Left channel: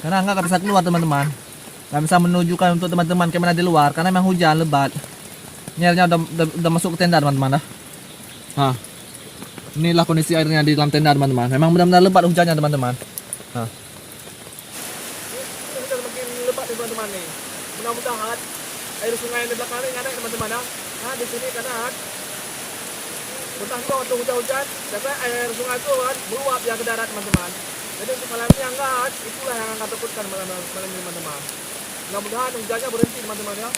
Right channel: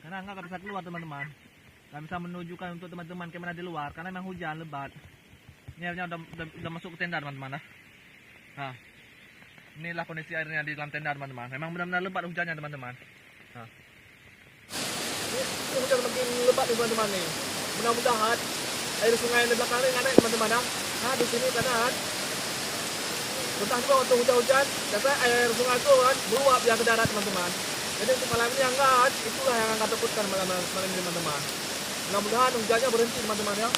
Karena nggak bisa keluar teman-teman. Nggak bisa menunjukkan untuk teman-teman kemana di luar karena memang hujan lebat. Nyelnya udah masuk ke tenda teman-teman dah. Nah, inilah kondisi airnya di dalam tenda teman-teman. Memang benar-benar lebat hujannya teman-teman. Nah. Ini hujan makin lebat nih teman-teman nih. Mudah-mudahan air sungai di belakang ini ada teman-teman dah. Nah, di sini kadang mudah juga waktu hujan-hujan, biasanya air sungai itu kan meluap ya ke darat teman-teman. Jadi untuk malam ini enggak, itulah yang akan takutkan malam ini teman-teman. Mudah-mudahan hujannya berhenti teman-teman ya.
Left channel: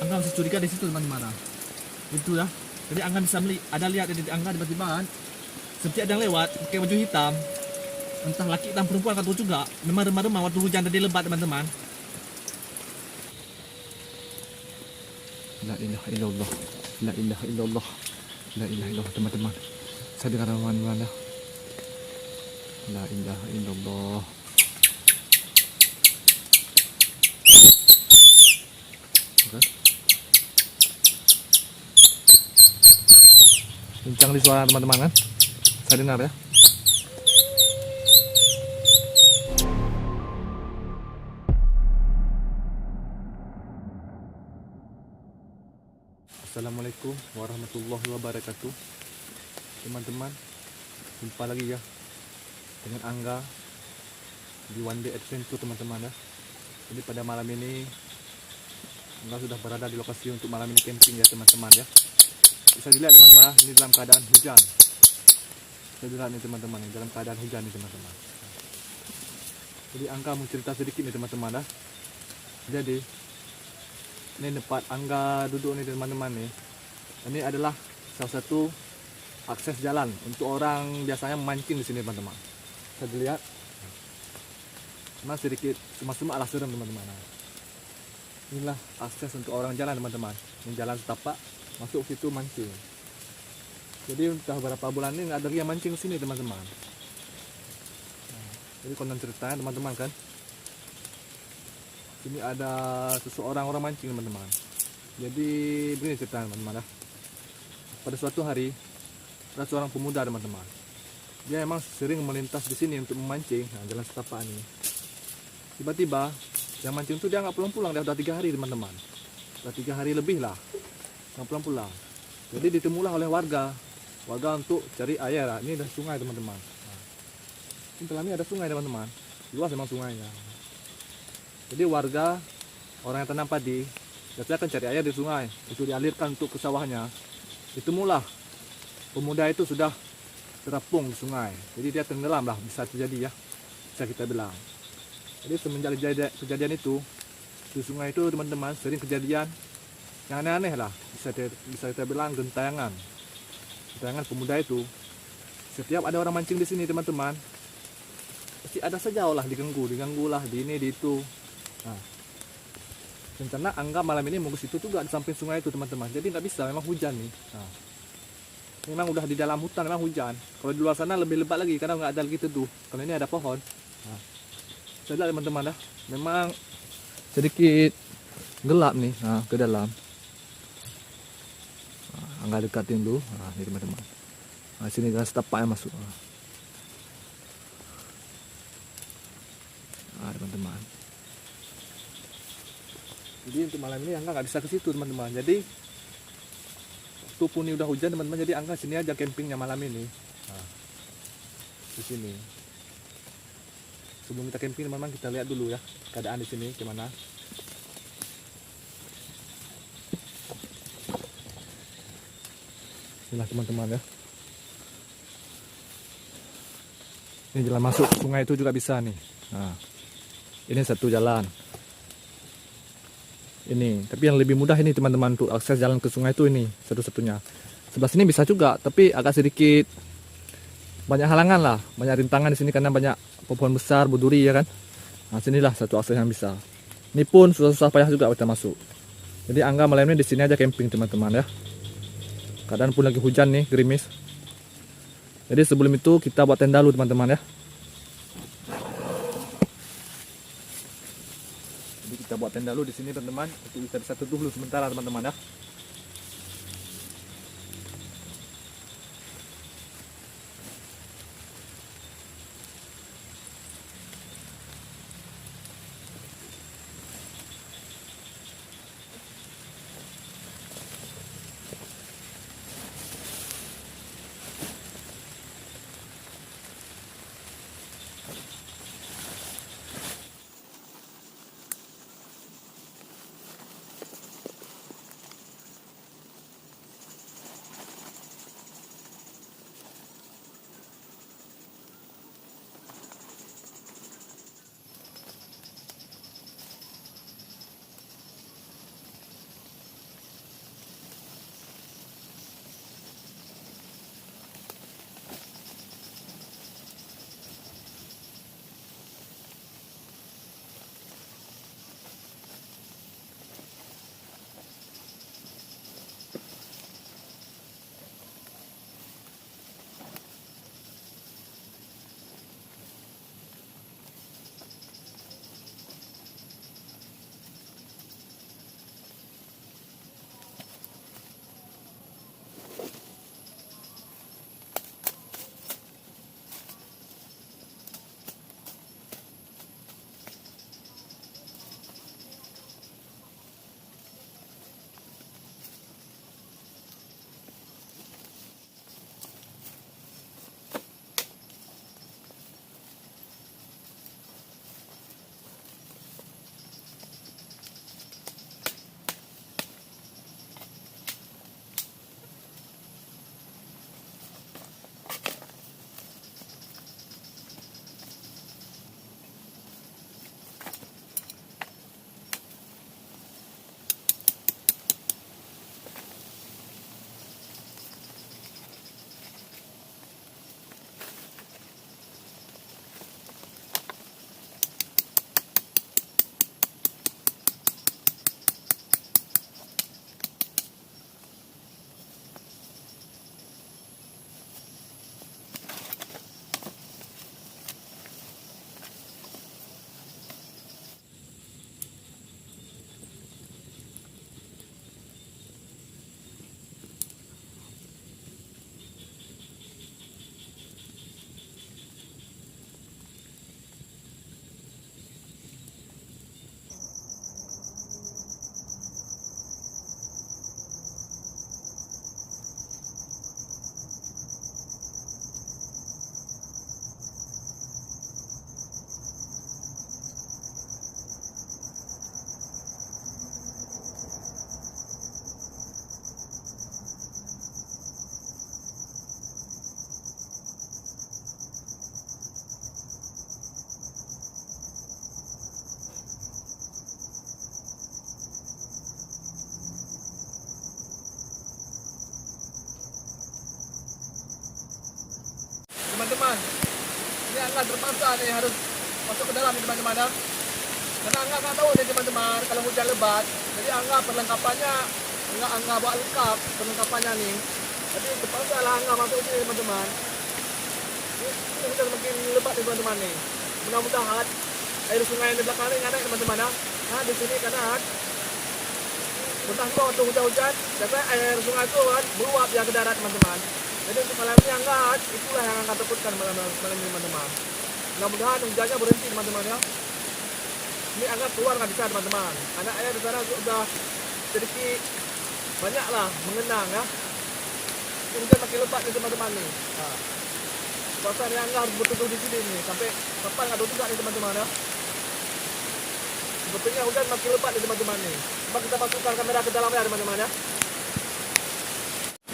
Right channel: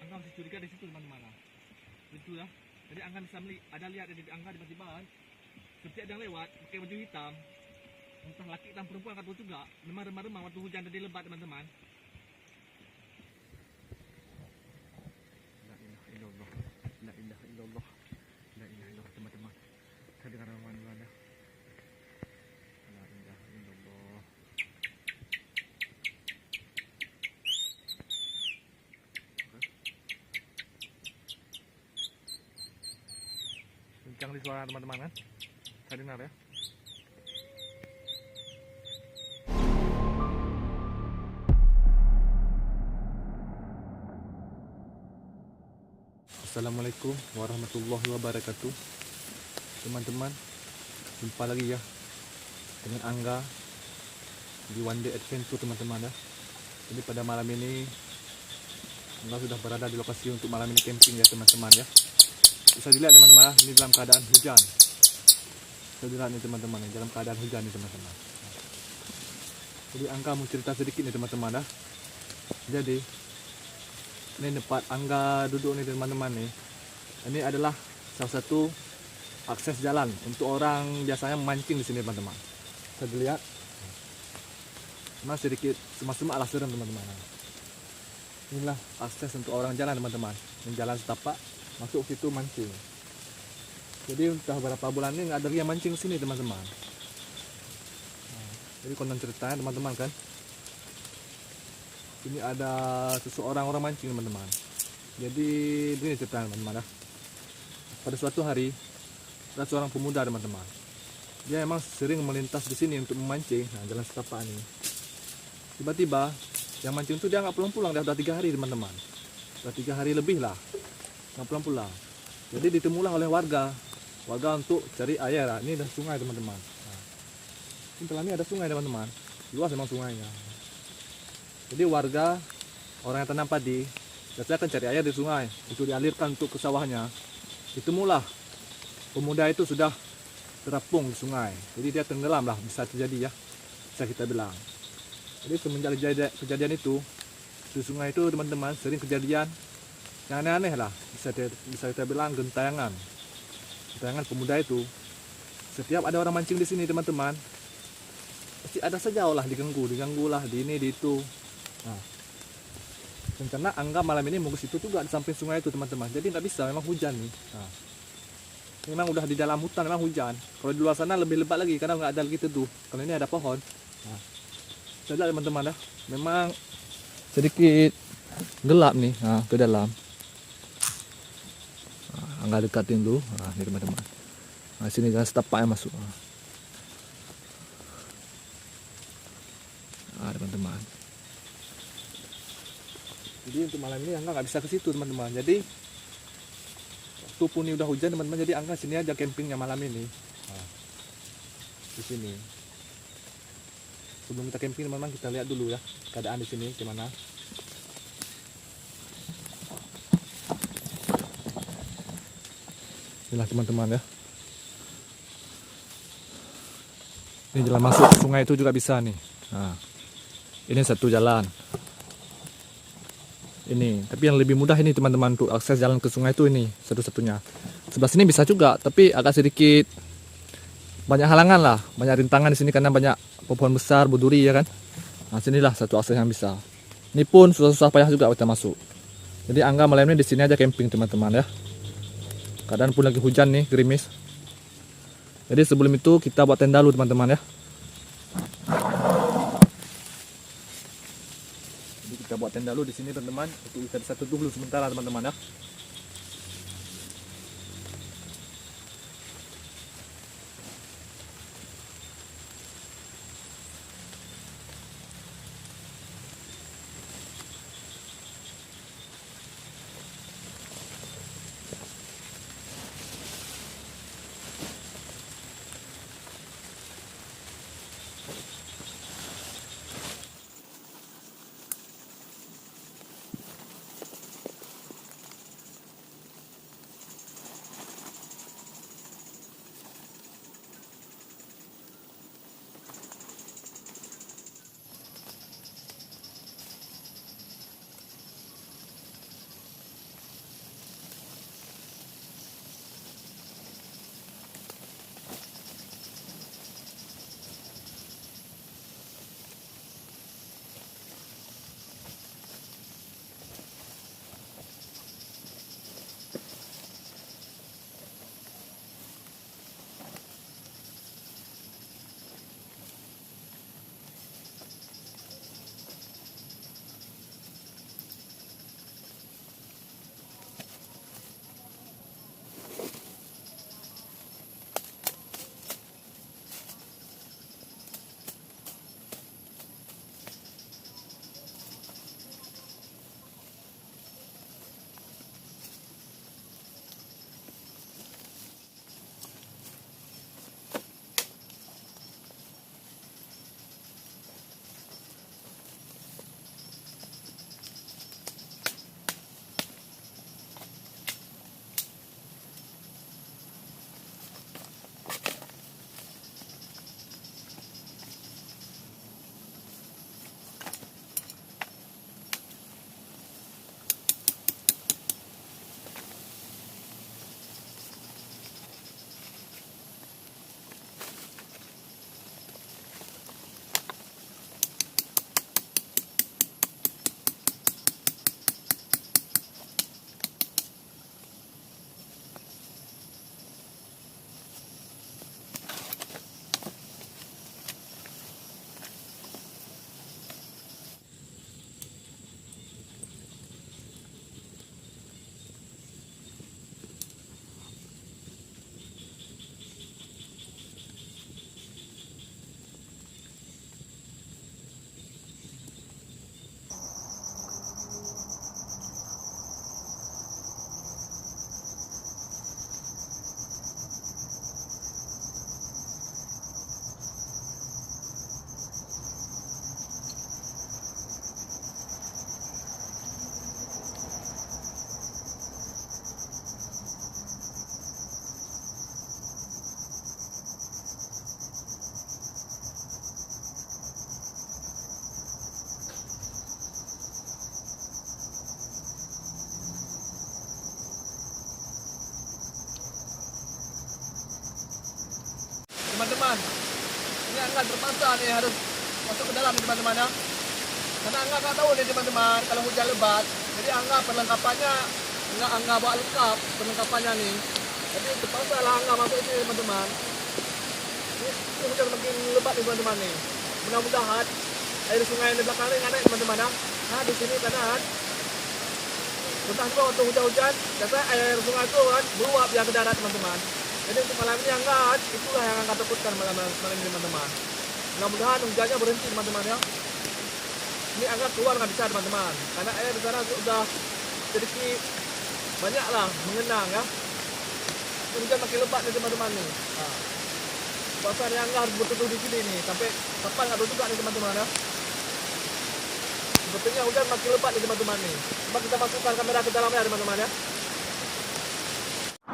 Angga masih curiga di situ teman-teman. Itu ya. Jadi Angga bisa ada lihat di Angga tiba-tiba kan, seperti ada yang lewat pakai baju hitam. Entah laki dan perempuan atau juga. Memang remah-remah waktu hujan tadi lebat teman-teman. La ilaha illallah. La ilaha illallah. La ilaha illallah teman-teman. Saya dengar teman-teman. La ilaha illallah. Oke. Kencang di suara teman-teman kan? Saya dengar ya. Assalamualaikum warahmatullahi wabarakatuh. Teman-teman, jumpa lagi ya dengan Angga di One Day Adventure teman-teman ya. Jadi pada malam ini Angga sudah berada di lokasi untuk malam ini camping ya teman-teman ya. Bisa dilihat teman-teman ya, ini dalam keadaan hujan. Bisa dilihat nih teman-teman ya, dalam keadaan hujan nih teman-teman. Jadi Angga mau cerita sedikit nih teman-teman ya. Jadi ini tempat Angga duduk nih teman-teman nih. Ini adalah salah satu akses jalan untuk orang biasanya memancing di sini teman-teman. Bisa dilihat. Memang sedikit cuma alas serem teman-teman. Inilah akses untuk orang jalan teman-teman. Ini jalan setapak masuk situ mancing. Jadi udah beberapa bulan ini nggak ada yang mancing sini teman-teman. Jadi konten ceritanya teman-teman kan. Sini ada seseorang orang mancing teman-teman. Jadi begini ceritanya teman-teman ya. Pada suatu hari ada seorang pemuda teman-teman. Dia emang sering melintas di sini untuk memancing. Nah, jalan setapak ini. Tiba-tiba yang mancing itu dia nggak pulang-pulang. Dia udah 3 hari teman-teman. Udah 3 hari lebih lah nggak pulang-pulang. Jadi ditemulah oleh warga untuk cari air. Ini ada sungai teman-teman. Nah, ini dalam ini ada sungai teman-teman. Luas memang sungainya. Jadi warga orang yang tanam padi biasanya akan cari air di sungai untuk dialirkan untuk ke sawahnya. Ditemulah pemuda itu sudah terapung di sungai. Jadi dia tenggelam lah, bisa terjadi ya, bisa kita bilang. Jadi semenjak kejadian itu di sungai itu teman-teman sering kejadian yang aneh-aneh lah, bisa kita bilang gentayangan pemuda itu. Setiap ada orang mancing di sini teman-teman, pasti ada saja lah diganggu lah di ini di itu. Nah, rencana Angga malam ini mau ke situ juga di samping sungai itu teman-teman. Jadi nggak bisa, memang hujan nih. Nah, memang udah di dalam hutan memang hujan. Kalau di luar sana lebih lebat lagi karena nggak ada lagi teduh. Kalau ini ada pohon. Nah, saya lihat teman-teman dah, memang sedikit gelap nih. Nah, ke dalam. Angga dekatin dulu. Nah, ini teman-teman. Nah, sini kan setapak yang masuk. Nah, teman-teman. Jadi untuk malam ini Angga nggak bisa ke situ teman-teman. Jadi waktu pun ini udah hujan teman-teman. Jadi Angga sini aja campingnya malam ini. Nah, di sini. Sebelum kita camping teman-teman, kita lihat dulu ya keadaan di sini gimana. Inilah teman-teman ya. Ini jalan masuk ke sungai itu juga bisa nih. Nah, ini satu jalan. Ini, tapi yang lebih mudah ini teman-teman untuk akses jalan ke sungai itu ini satu-satunya. Sebelah sini bisa juga, tapi agak sedikit banyak halangan lah, banyak rintangan di sini karena banyak pohon besar, berduri ya kan. Nah, sinilah satu akses yang bisa. Ini pun susah-susah payah juga kita masuk. Jadi Angga malam ini di sini aja camping teman-teman ya. Keadaan pun lagi hujan nih, gerimis. Jadi sebelum itu kita buat tenda dulu teman-teman ya. Jadi kita buat tenda dulu di sini teman-teman untuk bisa teduh dulu sementara teman-teman ya. teman-teman. Ini angga terpaksa nih harus masuk ke dalam nih teman-teman ya. Karena angga nggak tahu nih teman-teman kalau hujan lebat. Jadi angga perlengkapannya angga bawa lengkap perlengkapannya nih. Jadi terpaksa lah angga masuk sini teman-teman. Ini hujan makin lebat nih teman-teman nih. Mudah-mudahan air sungai di belakang ini nggak naik teman-teman ya. Nah di sini kanan. Mudah-mudahan waktu hujan-hujan, biasanya air sungai itu kan meluap ya ke darat teman-teman. Jadi untuk malam ini angkat, itulah yang angkat takutkan malam ini teman-teman. Mudah-mudahan hujannya berhenti teman-teman ya. Ini angkat keluar nggak bisa teman-teman, karena air di sana sudah sedikit banyak lah mengenang ya. Hujan makin lebat nih teman-teman nih. Nah, pasar yang harus bertutup di sini nih, sampai kapan nggak tahu juga nih teman-teman ya. Sebetulnya hujan makin lebat nih teman-teman nih. Coba kita masukkan kamera ke dalam ya teman-teman ya.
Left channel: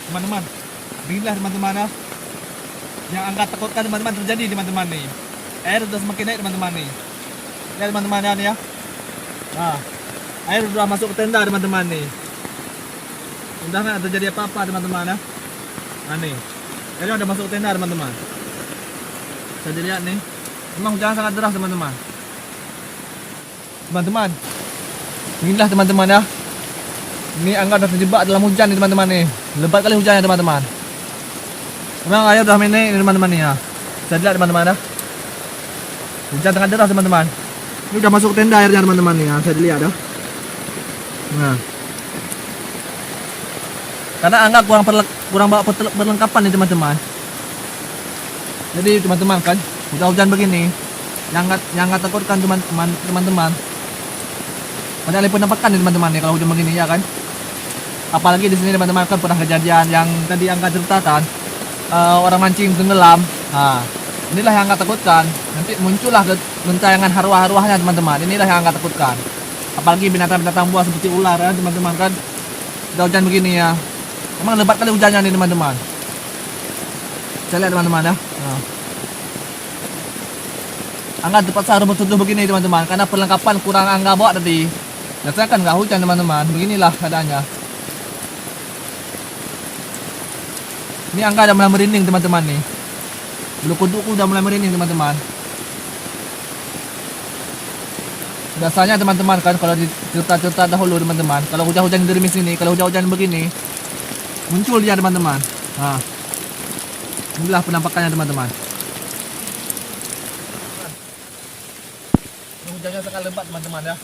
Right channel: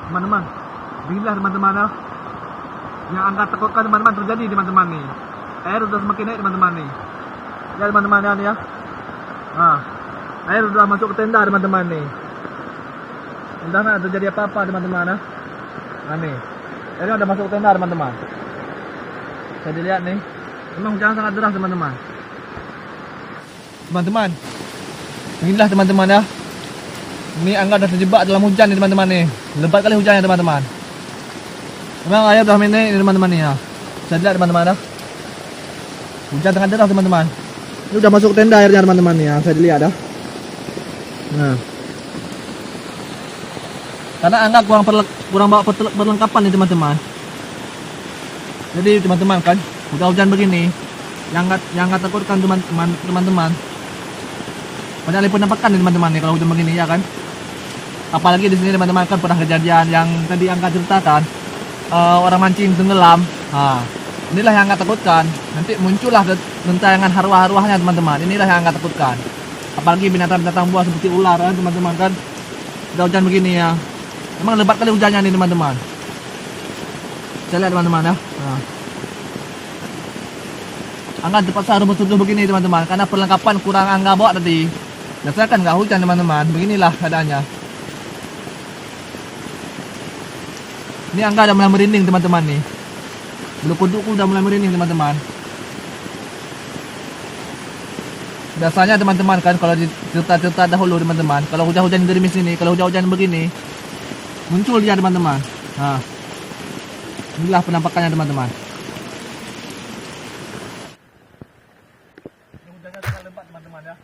Teman-teman, beginilah teman-teman ya. Yang angkat takutkan teman-teman terjadi teman-teman nih. Air sudah semakin naik teman-teman nih. Ya teman-teman ya nih ya. Nah, air sudah masuk ke tenda teman-teman nih. Udah nggak terjadi apa-apa teman-teman ya. Nah nih, airnya udah masuk ke tenda teman-teman. Bisa dilihat nih. Memang hujan sangat deras teman-teman. Teman-teman, inilah teman-teman ya. Ini angga sudah terjebak dalam hujan nih teman-teman nih. Lebat kali hujannya teman-teman. Memang air udah naik teman-teman nih ya. Bisa dilihat teman-teman ya. Hujan sangat deras teman-teman. Ini udah masuk tenda airnya teman-teman nih ya. Bisa dilihat ya. Nah, karena angga kurang bawa perlengkapan nih teman-teman. Jadi teman-teman kan, hujan begini, yang nggak takutkan teman-teman. Banyak kali penampakan nih teman-teman nih kalau hujan begini ya kan. Apalagi di sini teman-teman kan pernah kejadian yang tadi angkat ceritakan, orang mancing tenggelam. Nah, inilah yang angkat takutkan. Nanti muncullah gentayangan arwah-arwahnya teman-teman. Inilah yang angkat takutkan. Apalagi binatang-binatang buas seperti ular ya teman-teman kan. Udah hujan begini ya. Memang lebat kali hujannya nih teman-teman. Saya lihat teman-teman ya. Nah. Angga terpaksa harus bertutup begini teman-teman karena perlengkapan kurang angga bawa tadi. Biasanya kan nggak hujan teman-teman. Beginilah keadaannya. Ini angga udah mulai merinding teman-teman nih. Bulu kudukku udah mulai merinding teman-teman. Biasanya teman-teman kan kalau di cerita-cerita dahulu teman-teman, kalau hujan-hujan di gerimis ini, kalau hujan-hujan begini, muncul dia teman-teman. Nah, inilah penampakannya teman-teman. Hujannya sangat lebat teman-teman ya.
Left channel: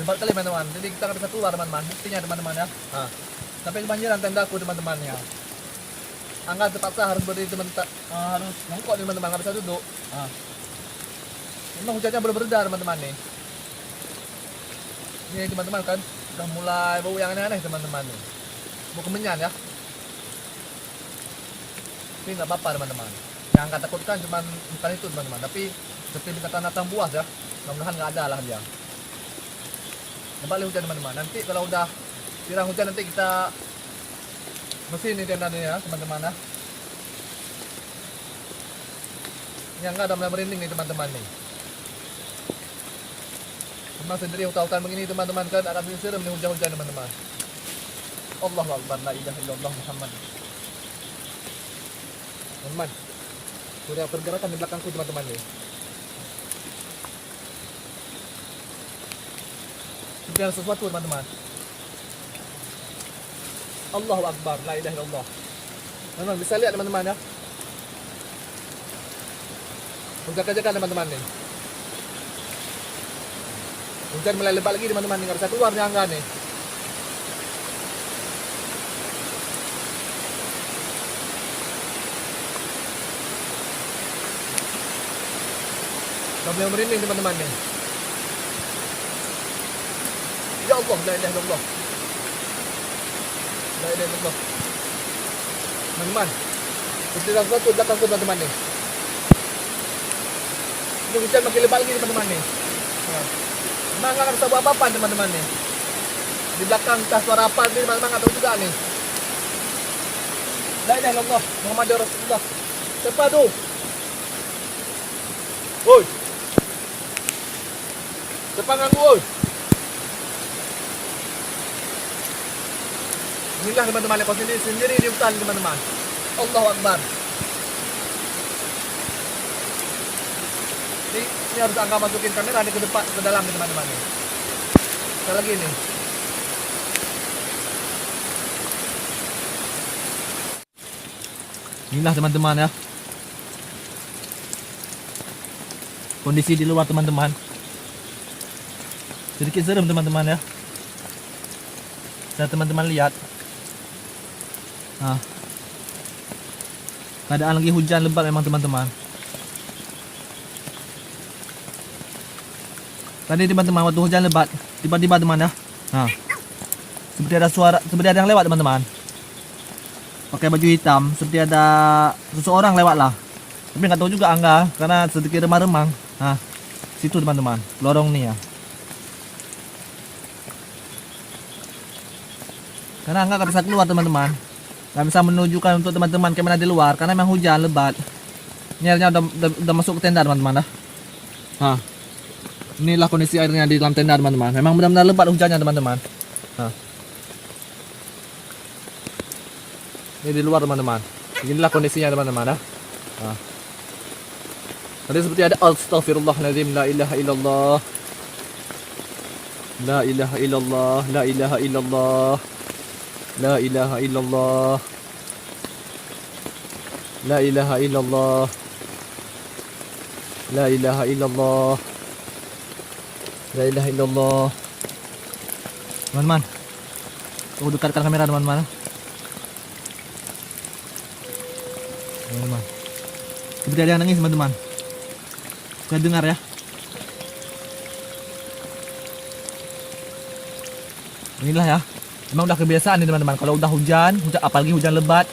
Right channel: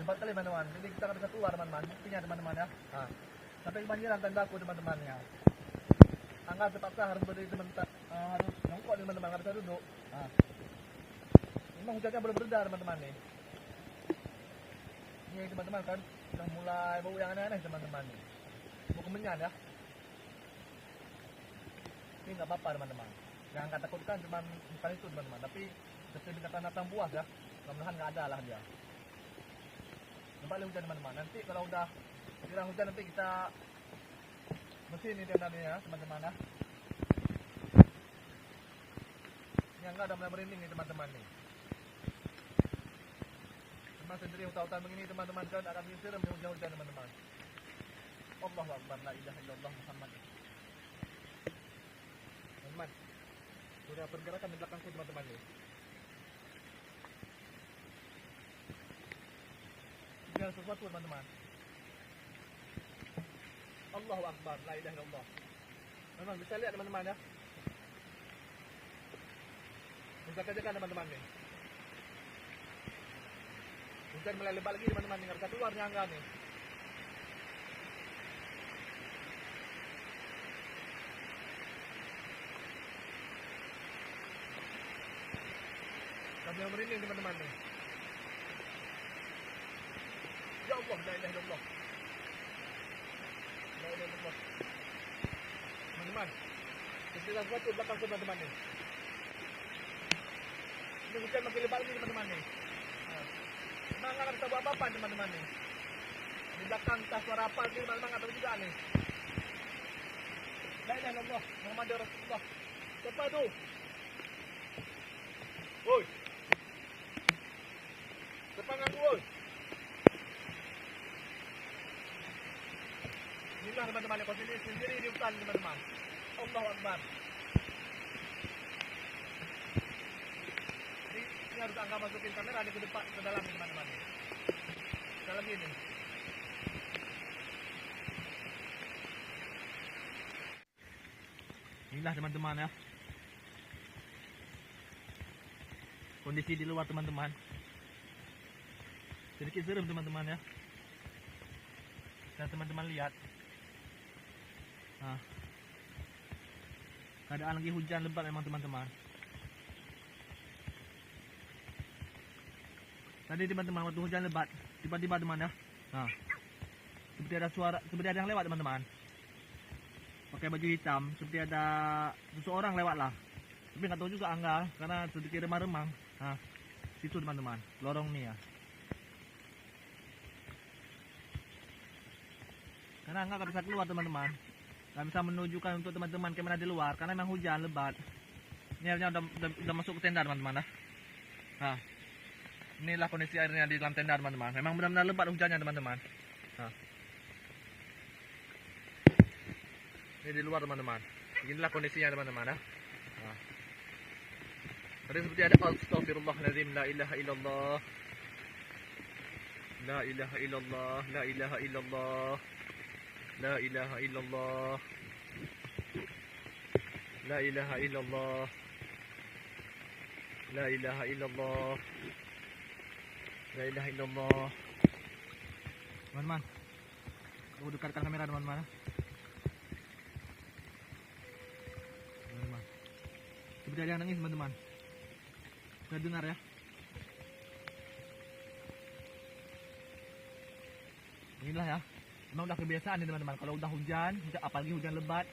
Lebat kali teman-teman. Jadi kita nggak bisa keluar teman-teman. Buktinya teman-teman ya. Nah, sampai kebanjiran tendaku teman-teman ya. Angga terpaksa harus berdiri teman-teman, harus jongkok teman-teman, nggak bisa duduk. Nah. Memang hujannya belum bereda teman-teman nih. Ini teman-teman kan udah mulai bau yang aneh-aneh teman-teman nih. Bau kemenyan ya. Tapi nggak apa-apa teman-teman. Yang angkat takutkan cuma bukan itu teman-teman, tapi seperti binatang-binatang buas ya. Mudah-mudahan nggak ada lah dia. Kembali hujan teman-teman. Nanti kalau udah kirang hujan nanti kita mesin ini tenda ya teman-teman ya. Ini angga udah mulai merinding nih teman-teman nih. Memang sendiri hutan-hutan begini teman-teman kan akan serem nih hujan-hujan teman-teman. Allahu Akbar, la ilaha illallah Muhammad. Teman-teman, sudah pergerakan di belakangku teman-teman nih. Sudah sesuatu teman-teman. Allahu Akbar, la ilaha illallah. Memang bisa lihat teman-teman ya. Jaga-jaga teman-teman nih. Hujan mulai lebat lagi teman-teman nih, nggak bisa keluar nih angga nih. Udah mulai merinding teman-teman nih. Ya Allah, la ilaha illallah. La ilaha illallah. Teman-teman, seperti sesuatu belakang teman-teman nih. Ini hujan makin lebat lagi teman-teman nih. Nah. Memang nggak bisa buat apa-apa teman-teman nih. Di belakang entah suara apa nih teman-teman nggak tahu juga nih. La ilaha illallah Muhammadur Rasulullah. Siapa tuh? Woi. Siapa ganggu woi? Inilah teman-teman yang kau sendiri di hutan teman-teman. Allahu Akbar. Ini harus Angga masukin kamera nih ke depan, ke dalam nih teman-teman nih. Sekali lagi nih. Inilah teman-teman ya. Kondisi di luar teman-teman. Sedikit serem teman-teman ya. Bisa teman-teman lihat. Nah, keadaan lagi hujan lebat memang teman-teman. Tadi teman-teman waktu hujan lebat, tiba-tiba teman ya. Nah, seperti ada suara, seperti ada yang lewat teman-teman. Pakai baju hitam, seperti ada seseorang lewat lah. Tapi nggak tahu juga Angga, karena sedikit remang-remang. Nah, situ teman-teman, lorong nih ya. Karena Angga nggak bisa keluar teman-teman, nggak bisa menunjukkan untuk teman-teman kamera di luar karena memang hujan lebat. Ini airnya udah masuk ke tenda teman-teman dah. Nah, inilah kondisi airnya di dalam tenda teman-teman. Memang benar-benar lebat hujannya teman-teman. Nah, ini di luar teman-teman. Inilah kondisinya teman-teman dah. Nah, tadi seperti ada astaghfirullahaladzim, la ilaha illallah, la ilaha illallah, la ilaha illallah, la ilaha illallah, la ilaha illallah, la ilaha illallah, la ilaha illallah. Teman-teman, aku dekatkan kamera teman-teman. Teman-teman, seperti ada yang nangis teman-teman. Saya dengar ya. Inilah ya. Emang udah kebiasaan nih teman-teman. Kalau udah hujan, apalagi hujan lebat,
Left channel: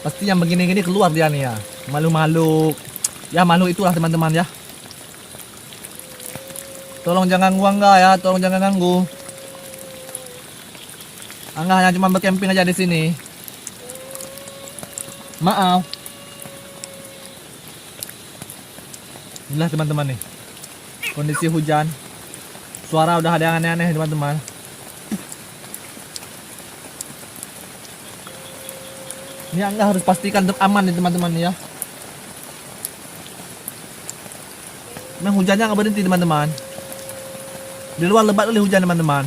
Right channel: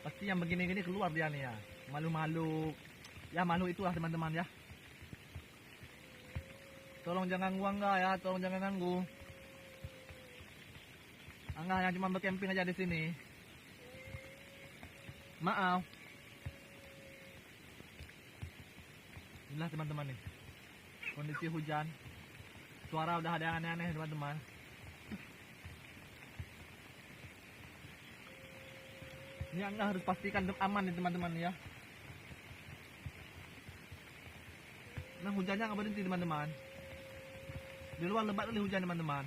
pasti yang begini-gini keluar dia nih ya. Malu-malu. Ya malu itulah teman-teman ya. Tolong jangan ganggu Angga ya. Tolong jangan ganggu. Angga hanya cuma bercamping aja di sini. Maaf. Inilah teman-teman nih. Kondisi hujan. Suara udah ada yang aneh-aneh teman-teman. Ini Angga harus pastikan aman nih teman-teman ya. Memang hujannya nggak berhenti teman-teman. Di luar lebat oleh hujan teman-teman.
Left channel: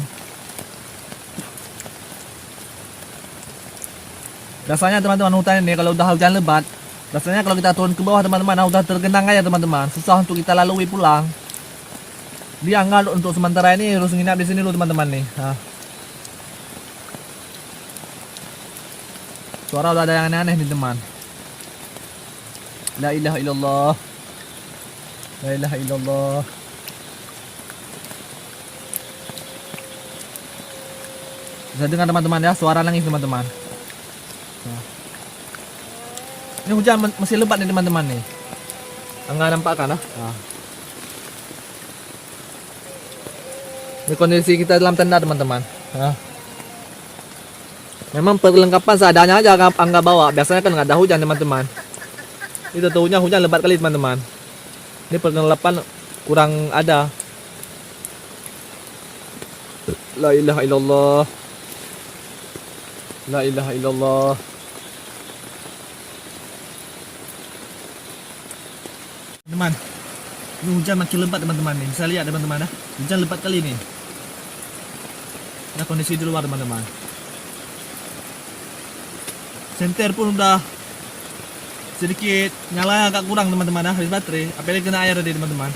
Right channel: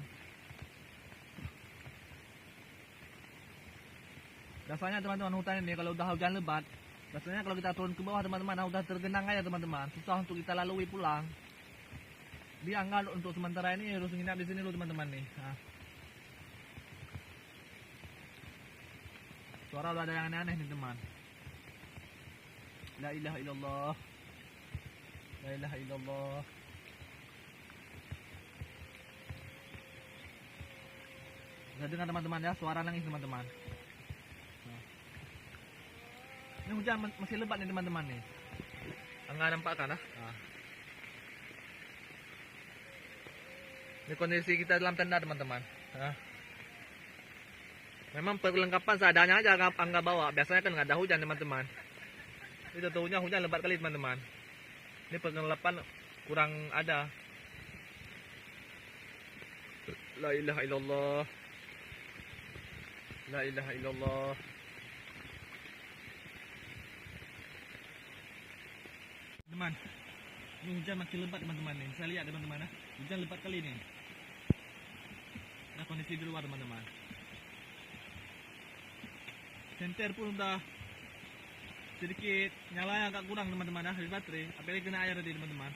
Rasanya teman-teman hutan ini kalau udah hujan lebat, rasanya kalau kita turun ke bawah teman-teman udah tergenang aja teman-teman. Susah untuk kita lalui pulang. Dia Angga untuk sementara ini harus nginap di sini dulu teman-teman nih. Nah. Suara udah ada yang aneh-aneh nih teman. La ilaha illallah. La ilaha illallah. Bisa dengar teman-teman ya, suara nangis teman-teman. Nah. Ini hujan masih lebat nih teman-teman nih. Enggak nampak kan? Nah. Ini kondisi kita dalam tenda teman-teman. Nah. Memang perlengkapan seadanya aja Angga bawa. Biasanya kan nggak ada hujan teman-teman. Itu tahunya hujan lebat kali teman-teman. Ini perlengkapan kurang ada. La ilaha illallah. La ilaha illallah. Teman, ini hujan makin lebat teman-teman nih. Bisa lihat teman-teman ya. Hujan lebat kali ini. Nah kondisi di luar teman-teman. Senter pun udah sedikit nyala agak kurang teman-teman ya, habis baterai. Apalagi kena air tadi teman-teman.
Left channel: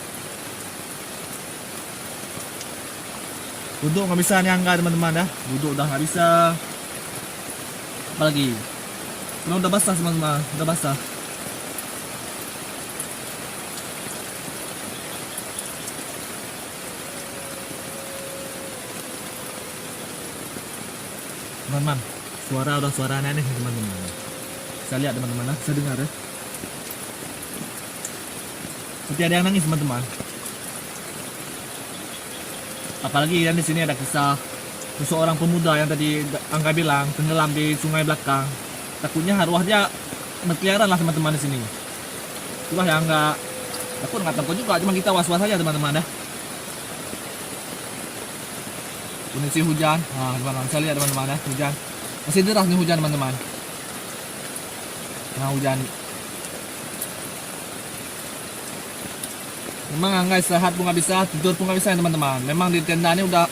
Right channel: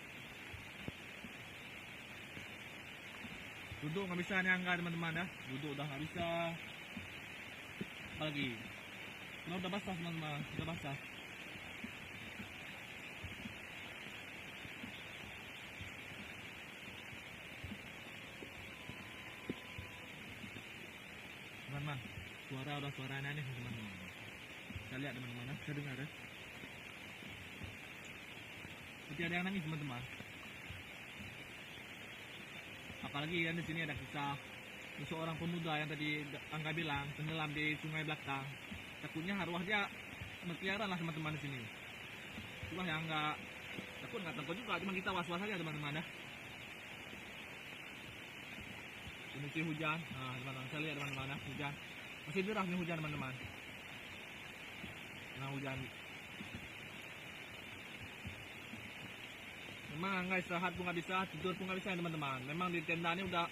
Duduk nggak bisa nih Angga teman-teman ya. Duduk udah nggak bisa. Apalagi karena udah basah teman-teman, udah basah. Teman-teman, udah suara aneh teman-teman. Bisa lihat teman-teman, bisa dengar ya. Seperti ada yang nangis teman-teman. Apalagi yang di sini ada kisah seseorang pemuda yang tadi Angga bilang tenggelam di sungai belakang. Takutnya arwah dia berkeliaran lah teman-teman di sini. Itulah yang nggak takut juga, cuma kita was-was aja teman-teman ya. Kondisi hujan, nah teman-teman, saya lihat teman-teman ya, hujan masih deras nih hujan teman-teman. Nah hujan Memang Angga istirahat pun nggak bisa, tidur pun nggak bisa ya teman-teman. Memang di tenda ini udah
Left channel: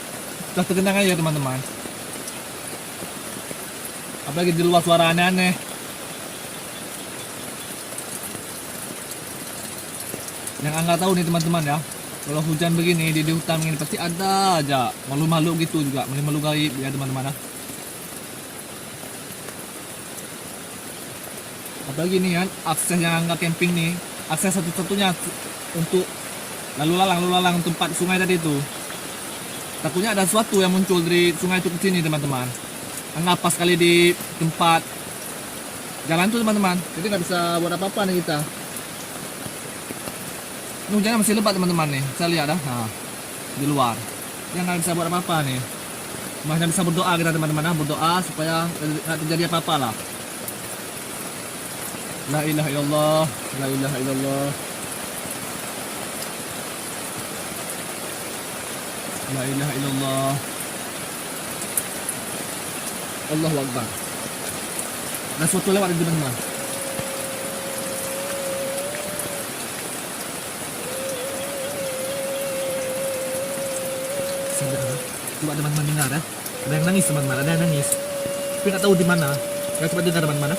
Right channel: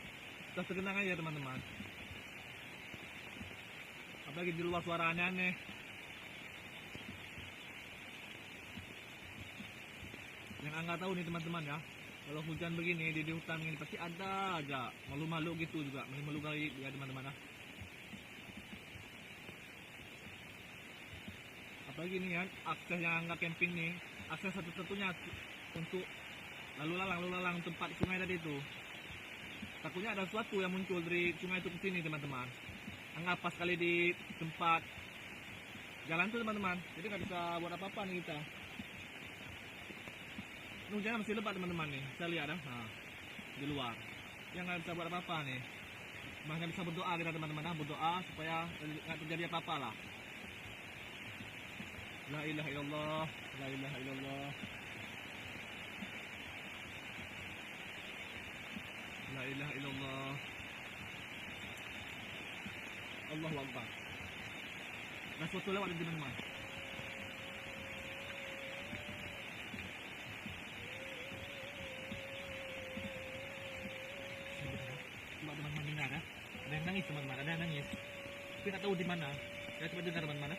tergenang aja teman-teman. Apalagi di luar suara aneh-aneh. Yang Angga tahu nih teman-teman ya, kalau hujan begini di hutan ini pasti ada aja makhluk-makhluk gitu juga, makhluk gaib ya teman-teman ya. Apalagi nih kan akses yang Angga camping nih, akses satu-satunya untuk lalu lalang tempat sungai tadi itu. Takutnya ada sesuatu yang muncul dari sungai itu ke sini teman-teman. Angga pas kali di tempat jalan tuh teman-teman, jadi nggak bisa buat apa-apa nih kita. Ini hujannya masih lebat teman-teman nih, saya lihat dah, nah, di luar. Dia nggak bisa buat apa-apa nih. Masih bisa berdoa kita teman-teman, berdoa supaya nggak terjadi apa-apa lah. La ilaha illallah, la ilaha illallah. La ilaha illallah. Allahu Akbar. Ada sesuatu lewat di teman-teman. Coba teman-teman dengar ya. Ada yang nangis teman-teman, ada yang nangis. Tapi nggak tahu di mana. Ya coba dengar teman-teman.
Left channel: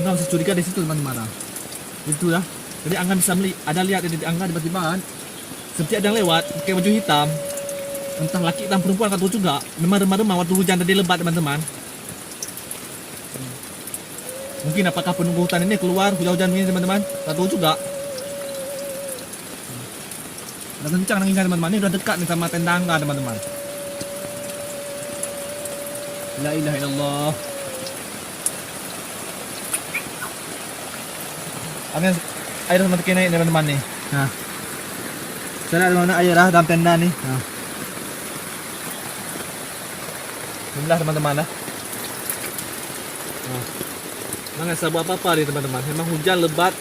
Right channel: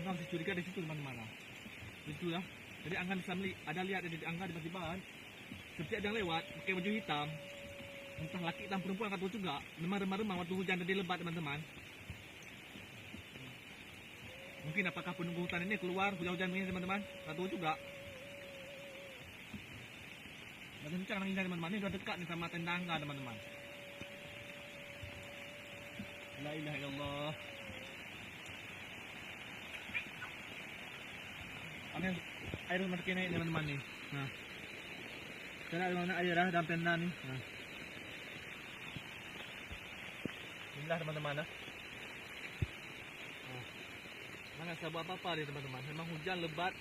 Angga masih curiga di situ teman-teman. Itu ya. Jadi Angga bisa ada lihat di Angga tiba-tiba kan, seperti ada yang lewat pakai baju hitam. Entah laki dan perempuan nggak tahu juga. Memang remah-remah waktu hujan tadi lebat teman-teman. Mungkin apakah penunggu hutan ini keluar hujan-hujan begini teman-teman? Nggak tahu juga. Udah kencang nangisnya teman-teman, ini udah dekat nih sama tenda Angga teman-teman. La ilaha illallah. Air semakin naik teman-teman nih. Nah, saya lihat mana air dalam tenda nih. Nah, inilah teman-teman nah. Nggak bisa buat apa-apa nih teman-teman. Memang hujan lebat.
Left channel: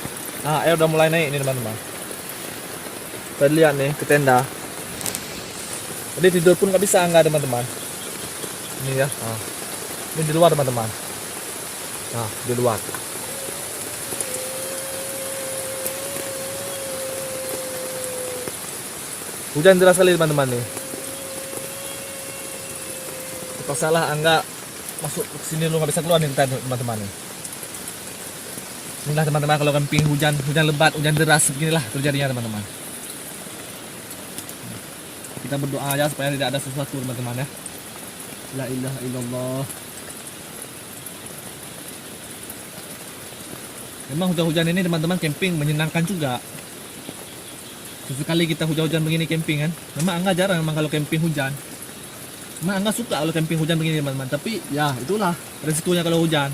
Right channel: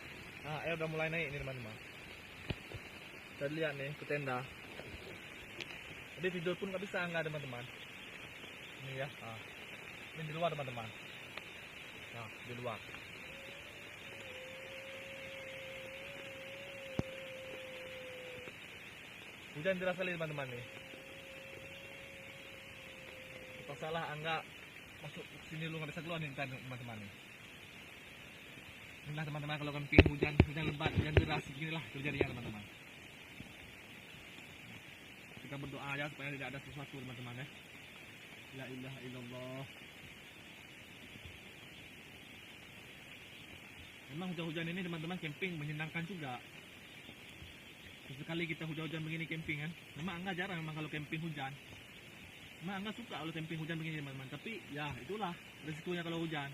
Nah, air udah mulai naik nih teman-teman. Kita lihat nih ke tenda. Jadi tidur pun nggak bisa Angga teman-teman. Ini ya. Nah. Ini di luar teman-teman. Nah, di luar. Hujan deras sekali teman-teman nih. Salah Angga masuk ke sini lu nggak bisa keluar nih teman-teman nih. Inilah teman-teman kalau camping hujan lebat, hujan deras beginilah terjadinya teman-teman. Kita berdoa aja supaya tidak ada sesuatu teman-teman ya. La ilaha illallah. Memang hujan-hujan ini teman-teman camping menyenangkan juga. Sesekali kita hujan-hujan begini camping kan. Memang Angga jarang memang kalau camping hujan. Memang Angga suka kalau camping hujan begini teman-teman. Tapi ya itulah resikonya kalau hujan.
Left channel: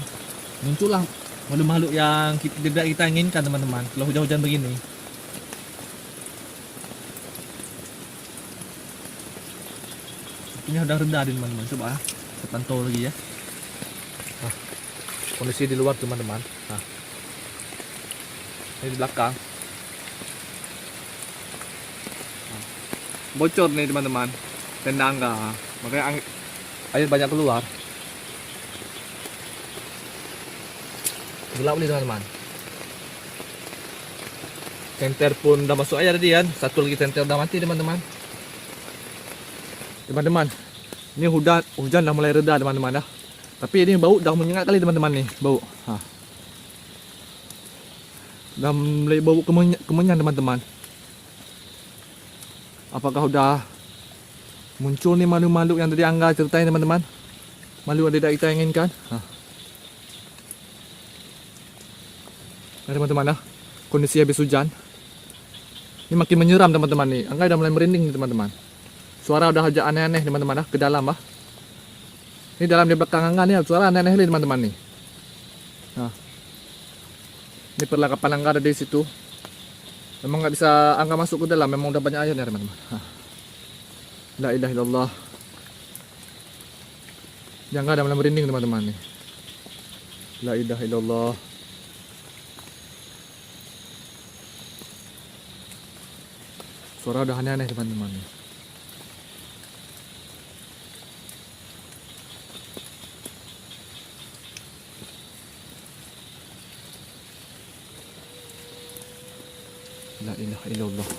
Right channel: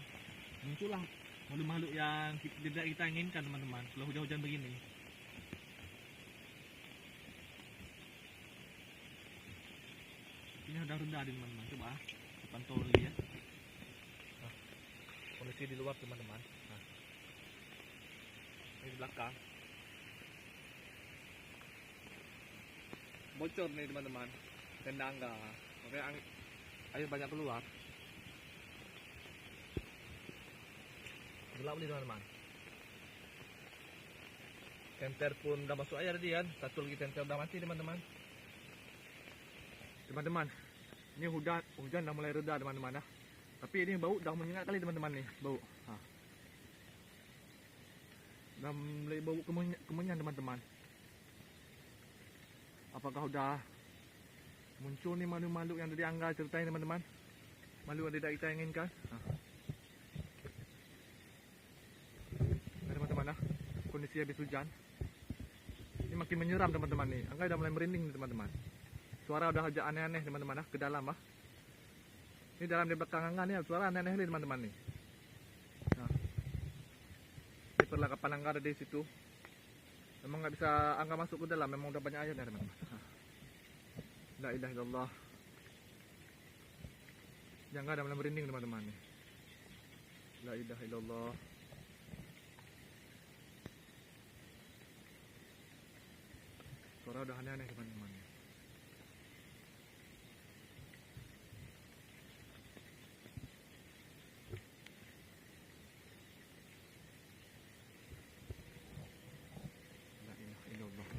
Muncullah makhluk-makhluk yang tidak kita inginkan teman-teman kalau hujan-hujan begini. Ini udah rendah teman-teman, coba kita pantau lagi ya. Nah, kondisi di luar teman-teman. Nah, ini di belakang. Nah, bocor nih teman-teman, tenda Angga. Makanya air banyak keluar. Gelap nih teman-teman. Senter pun udah masuk air tadi kan. Satu lagi senter udah mati teman-teman. Teman-teman, ini hujan dah mulai reda teman-teman dah. Tapi ini bau dah menyengat kali teman-teman nih, bau. Dah mulai bau kemenyan teman-teman. Apakah udah muncul nih makhluk-makhluk yang tadi Angga ceritain teman-teman? Makhluk yang tidak kita inginkan. Nah teman-teman dah, kondisi habis hujan. Ini makin menyeram teman-teman nih. Angga udah mulai merinding nih teman-teman. Suara udah agak aneh-aneh teman-teman ke dalam ah. Ini dalam di belakang Angga nih suara aneh-aneh nih teman-teman nih. Nah. Ini perlengkapan Angga ada di situ. Memang nggak bisa Angga masuk ke dalam, memang udah banyak airnya teman-teman. La ilaha illallah. Yang ada mulai merinding teman-teman nih. La ilaha illallah. Suara udah aneh-aneh teman-teman nih. La ilaha illallah.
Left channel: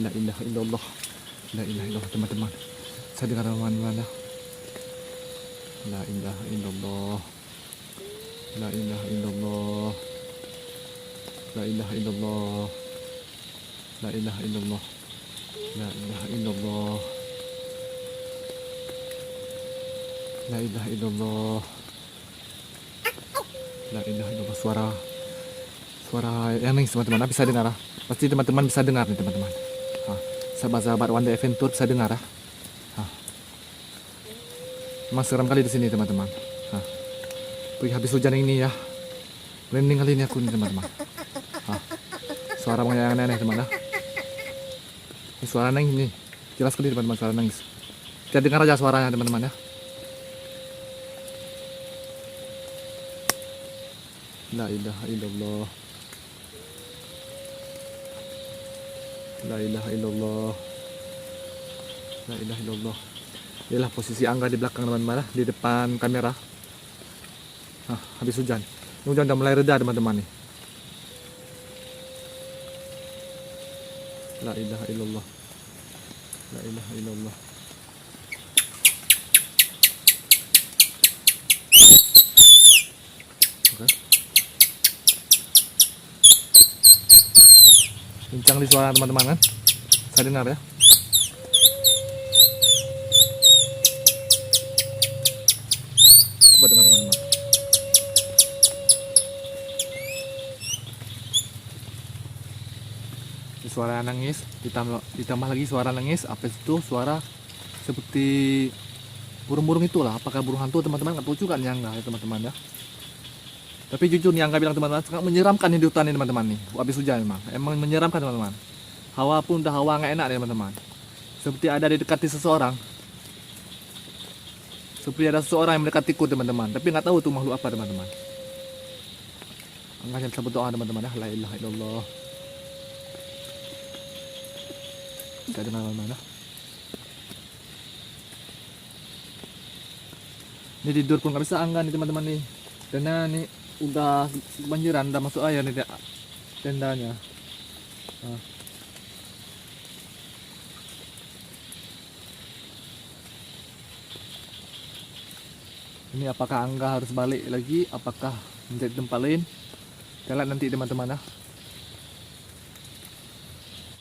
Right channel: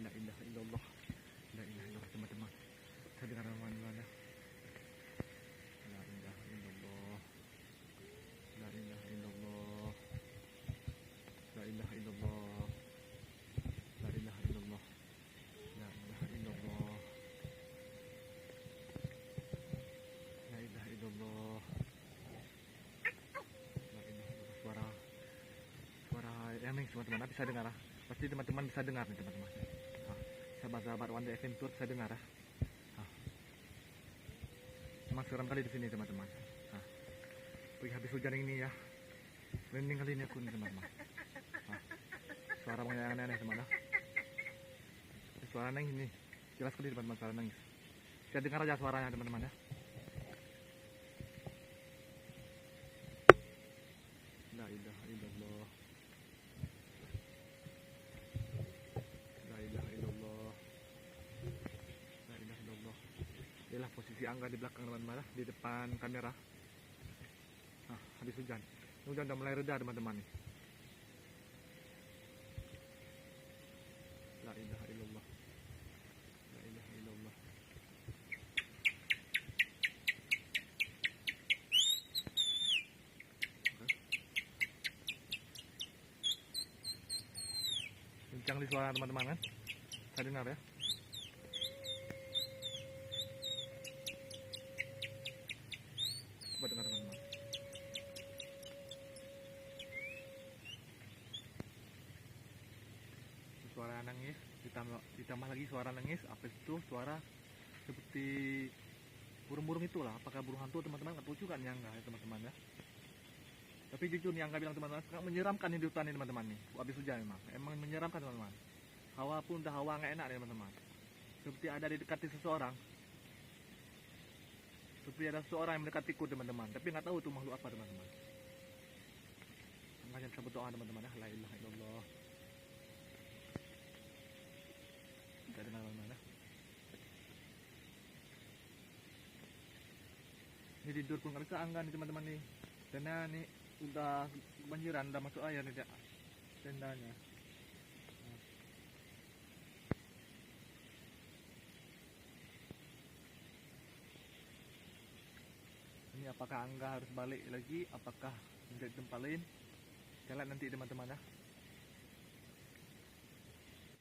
La ilaha illallah. La ilaha illallah teman-teman. Saya dengar teman-teman ya. La ilaha illallah. La ilaha illallah. La ilaha illallah. La ilaha illallah. La ilaha illallah. La ilaha illallah. La ilaha illallah. Suara yang nangis teman-teman. Bisa dengar ah? Pasti teman-teman bisa dengar nih teman-teman. Sahabat-sahabat One Day Adventure bisa dengar ah? Emang seram kali di sini teman-teman. Habis hujan ini ya. Merinding kali ini aku nih teman-teman. Suara yang aneh-aneh teman ya. Ini suara nangis nih. Jelas sekali teman-teman suara nangis. Kita dengar aja suaranya teman-teman ya. La ilaha illallah. La ilaha illallah. La ilaha illallah. Inilah posisi Angga di belakang teman-teman ya, di depan kamera. Habis hujan. Hujan udah mulai reda teman-teman nih. La ilaha illallah. La ilaha illallah. Oke. Kencang di suara teman-teman kan? Saya dengar ya. Coba dengar teman-teman. Suara nangis ditambah lagi suara nangis, apa itu suara seperti burung-burung itulah. Apakah burung hantu teman-teman? Nggak tahu juga nih Angga ya teman-teman ya. Tapi jujur nih Angga bilang teman-teman, sangat menyeramkan di hutan ini teman-teman nih. Habis hujan emang menyeramkan teman-teman. Hawa pun udah hawa nggak enak nih teman-teman. Seperti ada di dekati seseorang. Seperti ada seseorang yang mendekatiku teman-teman. Tapi nggak tahu tuh makhluk apa teman-teman. Angga bisa berdoa teman-teman ya. La ilaha illallah. Kita dengar mana? Ini tidur pun nggak bisa Angga nih teman-teman nih. Karena nih udah kebanjiran, udah masuk air nih tendanya. Ini apakah Angga harus balik lagi? Apakah menjadi tempat lain? Kita lihat nanti teman-teman ya.